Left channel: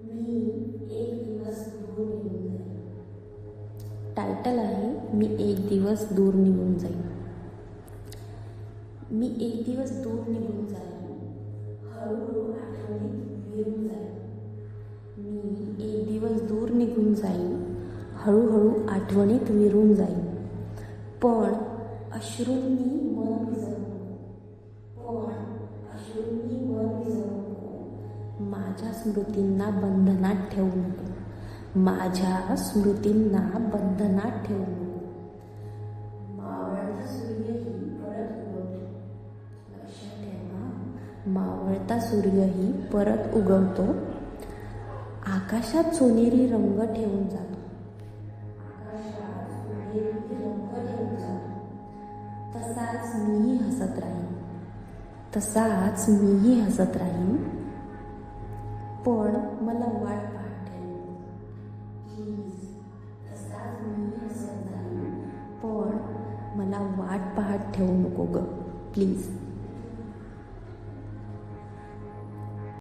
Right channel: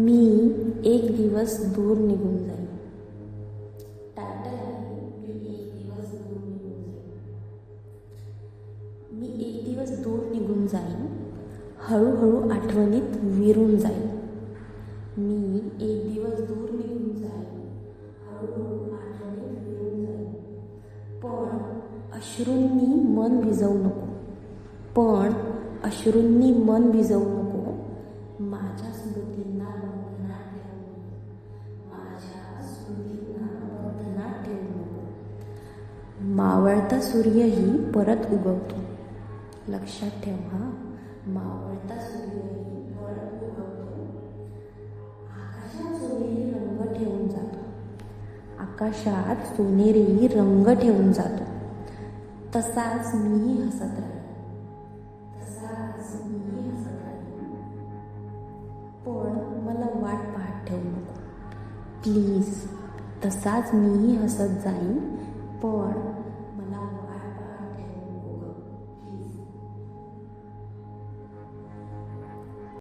मी एक दिवस दूर निघून जाईन. टायटल आहे मी एक दिवस दूर निघून जाईन. मी एक दिवस दूर निघून जाईन हळूहळू आठवणीत विरून जाईन. मी एक दिवस दूर निघून जाईन हळूहळू आठवणीत विरून जाईन. पण अश्रूंनी मन भिजवू नको. पण अश्रूंनी मन भिजवू नको. माझ्या स्मृतींना बंधनात ठेवू नको. माझ्या स्मृतींना बंधनात ठेवू नको. मावळता सूर्यही परत उगवतो. लक्षात ठेव हा मावळता सूर्यही परत उगवतो. आकाशात सोनेरी रंग ठेवून जातो. आकाशात सोनेरी रंग ठेवून जातो. तसाच मीही हसत राहीन. तसाच मीही हसत राहीन. मला वाट पाहत ठेवू नको. प्लीज तसाच मीही हसत जाईन पण मला वाट पाहत ठेवू नको ग. प्लीज